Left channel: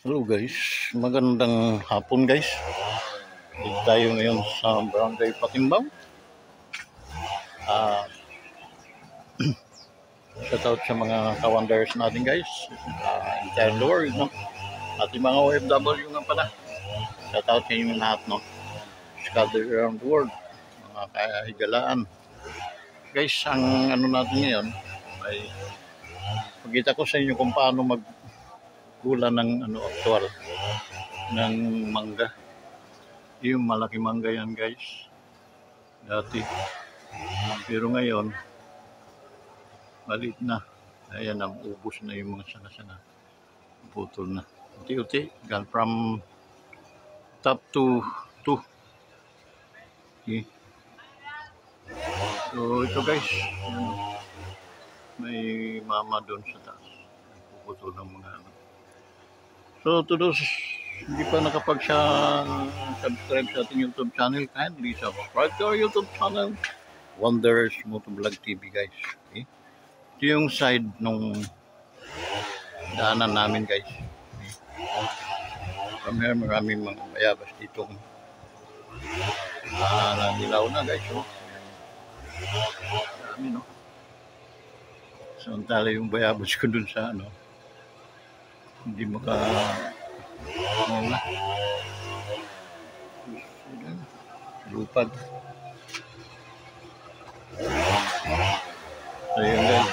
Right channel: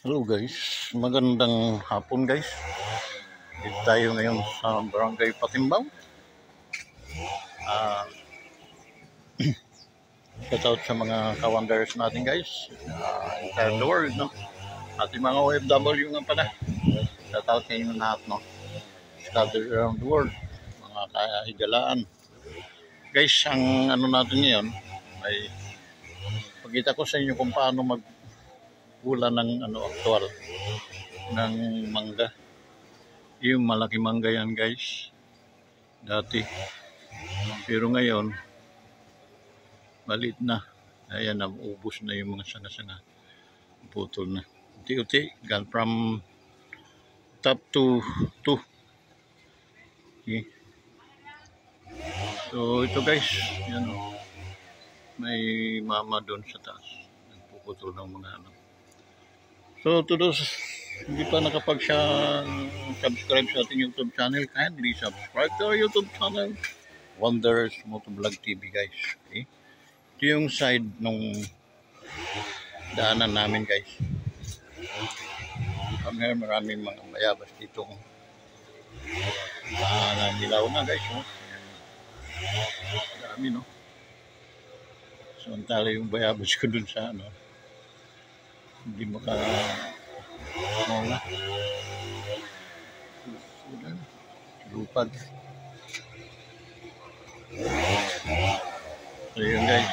Hello guys, magandang hapon guys. Dito tayo ngayon sa Barangay Patimbang. Uh, Shout out sa mga ka-wonders natin guys. Entire world, no? Ating mga OFW nga pala. Shout out sa inyo lahat, no? Scattered around the world. Mga kahigalaan. Guys, ang ano natin ngayon ay pagkita ko sa inyo kung paano maggula ng actual ng mangga. Yung malaki mangga yan guys dati, pero ngayon balit na, ayan, ubos na yung mga sanga-sanga, putol na unti-unti from top to two. Okay. So ito guys, yan, may mama doon sa taas puputol ng mga ano. So to those hindi pa nakapag-subscribe sa ating YouTube channel, kindly subscribe to our YouTube channel, Wonders Motovlog TV guys. Okay? Ito yung side nung daanan namin guys. Okay? Maraming mga bayabas dito. Nanilaw na guys. Oh. Dami, no? Samantala yung bayabas ko dun sa ano, hindi lupad. So yun guys,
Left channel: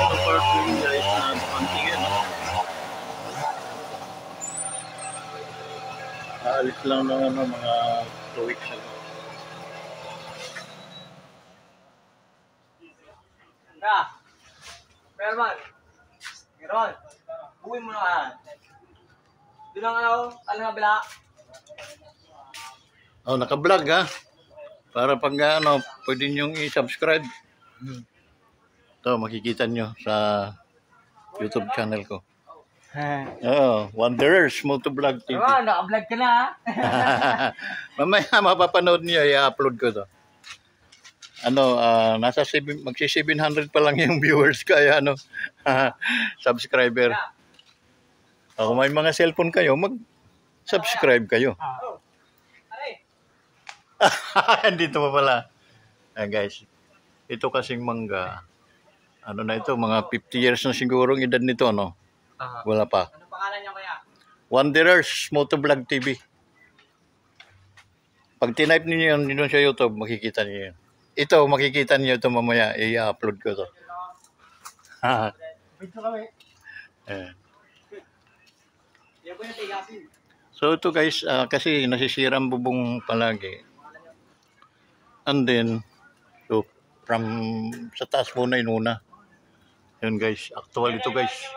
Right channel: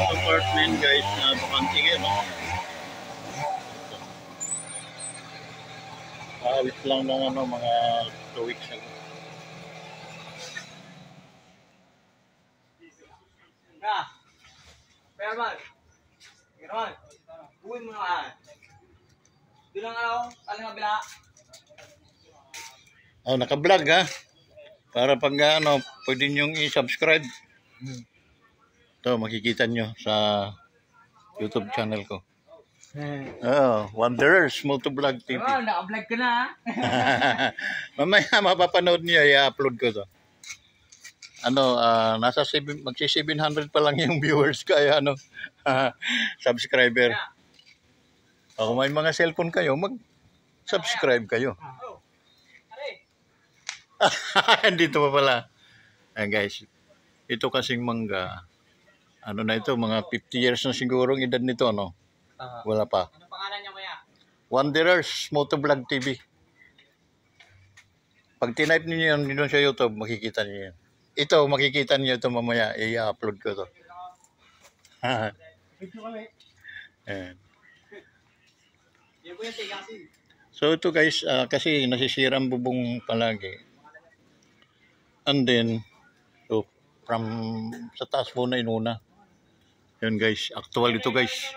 apartment guys na pantige, no? Alis lang ng ano, mga 2 weeks ago. Perman, Giron, buhay mo na. Doon ang araw, ano nga bila? Oh, naka-vlog ha? Para pag ano, pwede nyo i-subscribe. Ito, makikita nyo sa YouTube channel ko. Wonders Motovlog TV. Perman, naka-vlog ka na. Mamaya mapapanood niyo, i-upload ko to. Ano, nasa magsi-700 pa lang yung viewers kaya ano, subscriber. Kung may mga cellphone kayo, mag-subscribe kayo. Dito pa pala. Ayan guys, ito kasing mangga, ano na ito, mga 50 years na siguro ang edad nito, no? Wala pa. Ano pangalan niya kuya? Wonders Motovlog TV. Pag tinype niyo yun sa YouTube, makikita niyo yun. Ito, makikita niyo ito mamaya, i-upload ko to. Ayan. So ito guys, kasi nasisira ang bubong palagi. And then, so, from sa taas muna inuna. Yun guys, actual ito guys.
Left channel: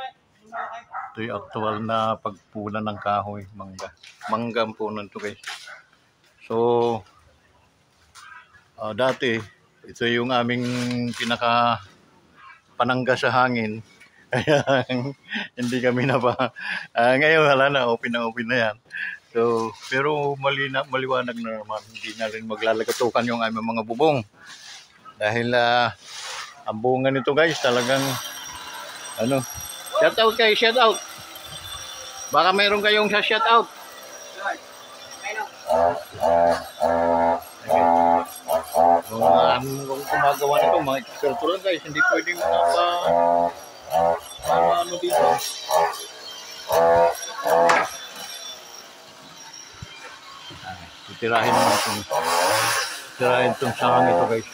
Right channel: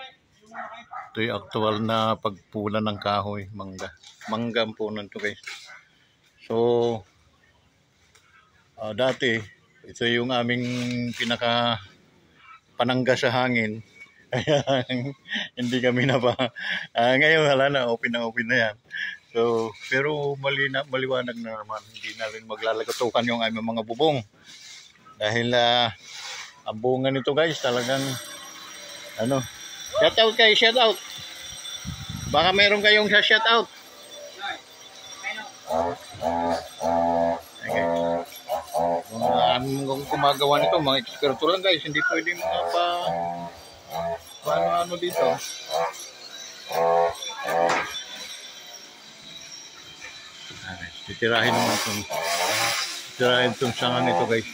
Ito yung actual na pagpula ng kahoy, mangga. Mangga ang punan ito guys. So, dati, ito yung aming panangga sa hangin. Hindi kami na ba. Ngayon wala na, open na yan. So, pero maliwanag na naman, hindi na rin maglalagatukan yung aming mga bubong. Dahil ang bunga nito guys, talagang ano, shout out kayo, shout out. Baka meron kayong shout out. Okay. Ito, mga eksperto lang guys, hindi pwedeng mga ano dito. Titirahin mo itong sangang ito guys.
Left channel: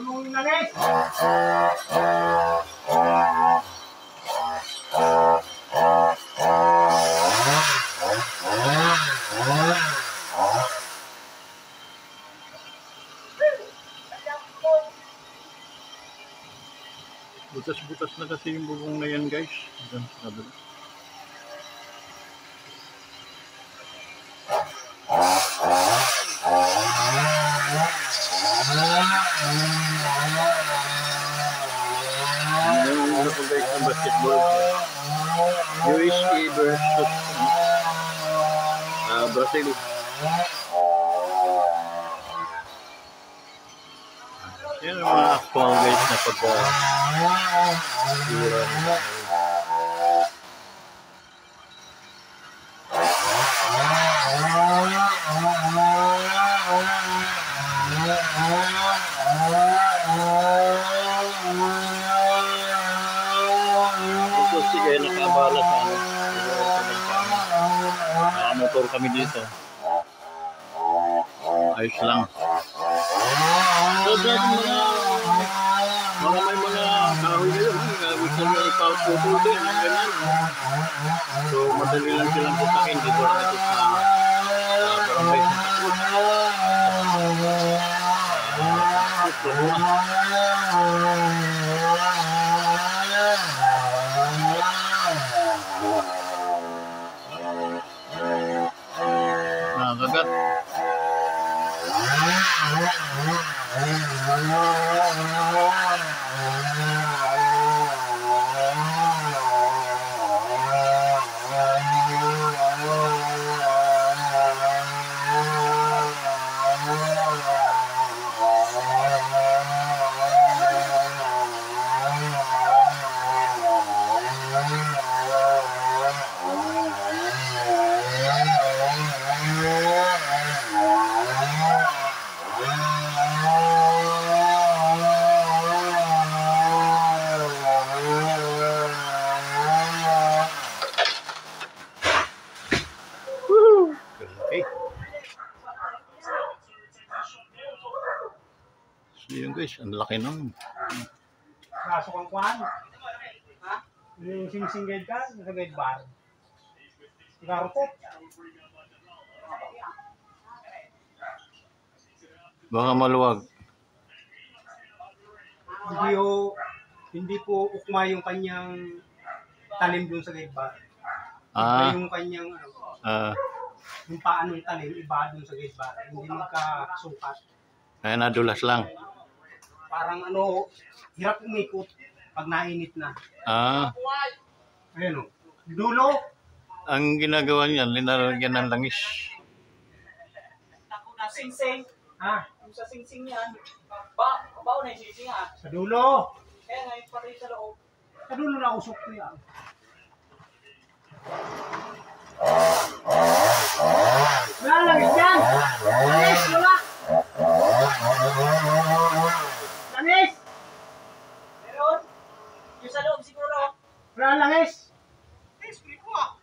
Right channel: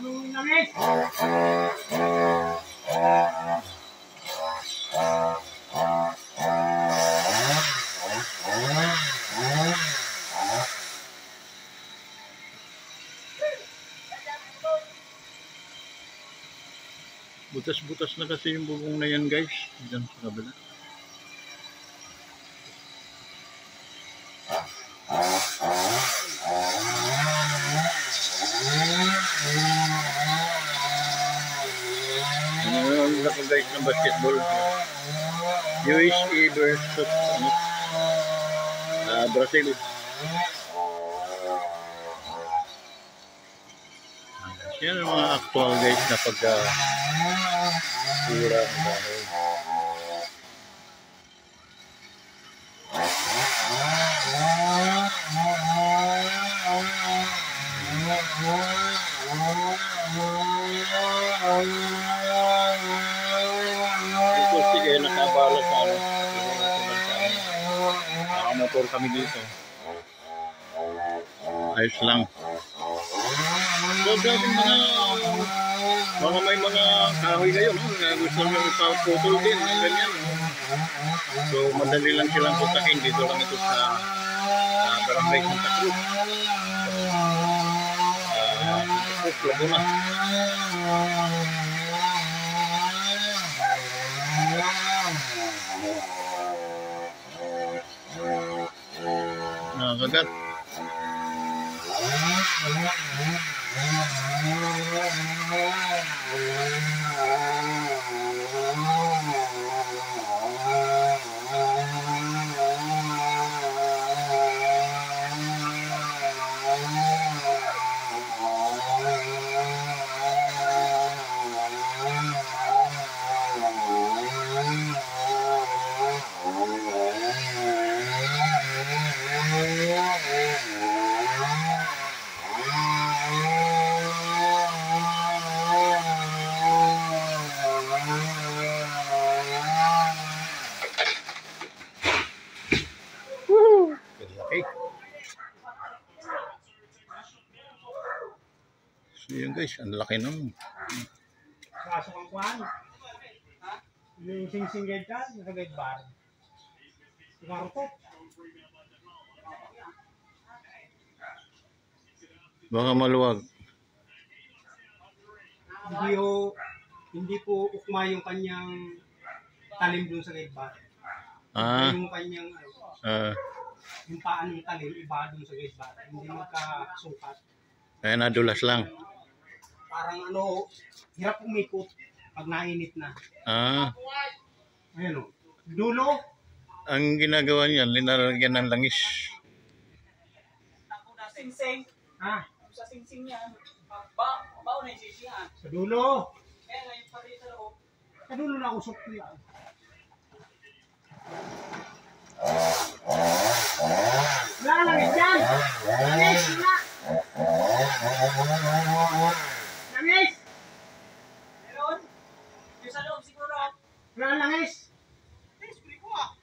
Anong langis? Butas-butas na kasi yung bubong na yan guys. Diyan sa kabila. Guys, ng basketball. USA versus Brazil. Yan ang mga actual guys na sige, nakabala sa nakamotor kami dito. Ayos lang. So, mga may mga kahoy kayo, gusto nyo ipaputol din, ganyan. So, madali lang silang putakin dito lang ito sa barangay sa nakakagat. So yun guys, ang laki naman. Kaso kang kuhan. Ha? Yung sing-sing-guide ka, naka-guide bar. Ikarutot. Baka maluwag. Hindi po ukma yung kanyang talim dun sa guide bar. Yung kanyang yung paan ng talim, iba dun sa guide bar. Hindi magkasukat. Kaya nadulas lang. Parang hirap umikot pag nainit na. Ayun o. Dulo. Ang ginagawa niyan, linalagyan ng langis. Sing-sing. Ha? Yung sa sing-sing yan. Bao na yung sing-sing ha? Sa dulo. Kaya ngayon pati sa loob. Sa dulo na usok ko yan. Wala lang yan. Langis, wala. Langis! Meron? Yung sa loob siguro. Wala langis. Langis, puli ko ah.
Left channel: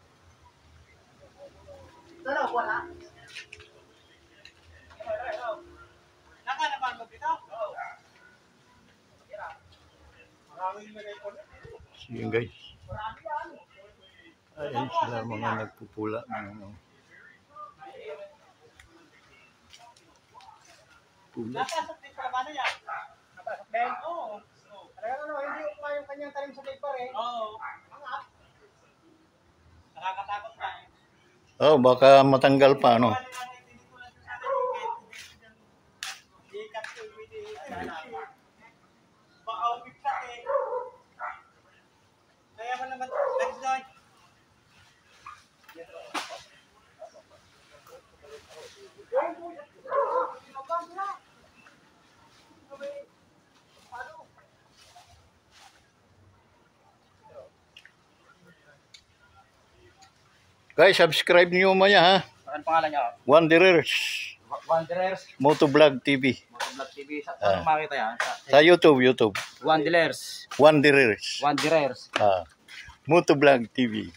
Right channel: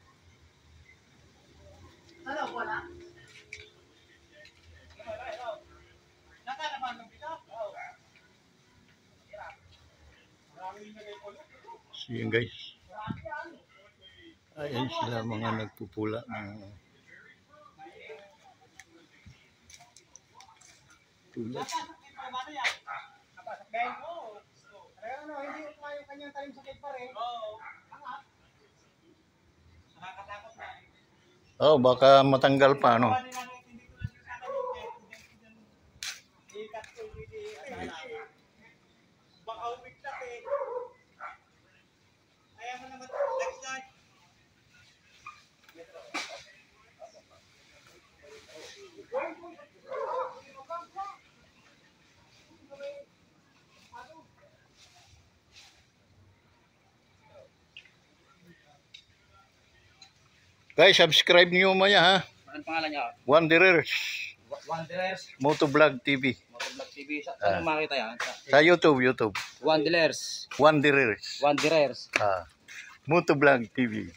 Sa loob, wala. Nakalaman mo dito? Oo. Maraming nilagay ko na. So yun guys. Ayan sila mga nagpupula ng pula. Napasok din pala ba na yan? Napasok din? Oo. Talagang hindi ukma yung kanyang talim sa paper eh. Oo. Angat. Nakakatakot na eh. Oh, baka matanggal pa, no? Baka umiklat eh. Kaya mo naman, next guy. Guys, subscribe niyo maya ha. Ano pangalan niya? Wanderers. Wanderers. Motovlog TV. Motovlog TV. Saan makita yan? Sa YouTube. Wanderers. Motovlog TV.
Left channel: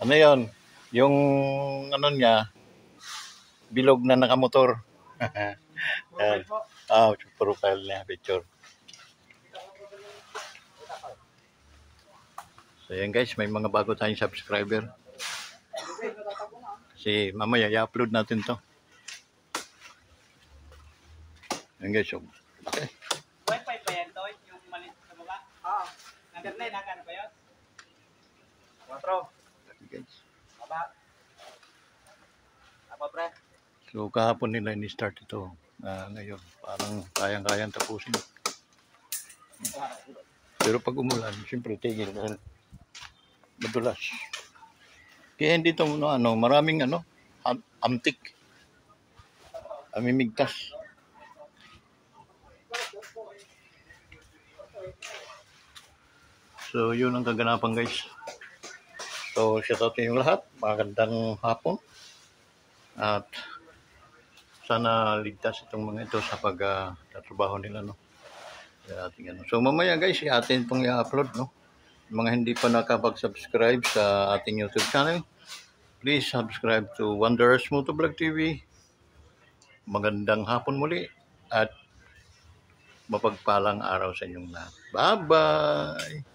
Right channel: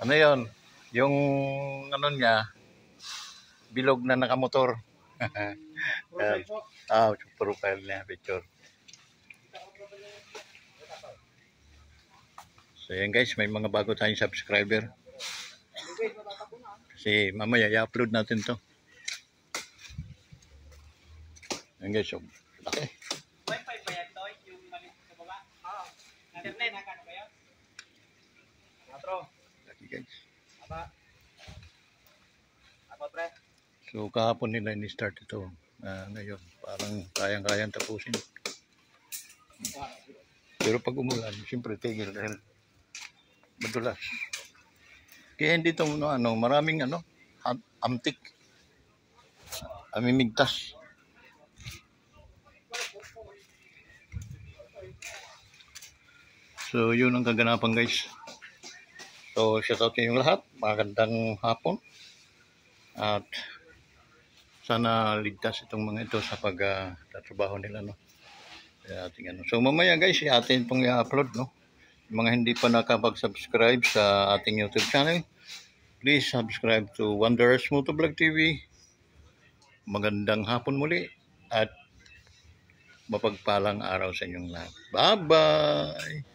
Ano yun? Yung ano niya, bilog na nakamotor. Profile niya, picture. So yan guys, may mga bago tayong subscriber. Kasi mamaya i-upload natin to. Yan guys, yung laki. Wi-Fi ba yan, Toy? Yung maliit sa baba? Oo. Internet, nakano ba yun? 4. Laki guys. Baba. Apa, pre? So kahapon nila ni-start ito. Ngayon, parang kayang-kayang tapusin. Pero pag umulan, siyempre tigil dahil madulas. Kaya hindi ito maraming antik. Amimigtas. So yun ang kaganapan guys. So shout out kayong lahat. Magandang hapon. At sana ligtas itong mga ito sa pagtatrabaho nila, no. So mamaya guys, atin itong i-upload, no. Yung mga hindi pa nakapag-subscribe sa ating YouTube channel, please subscribe to Wanderers Motovlog TV. Magandang hapon muli at mapagpalang araw sa inyong lahat. Bye-bye!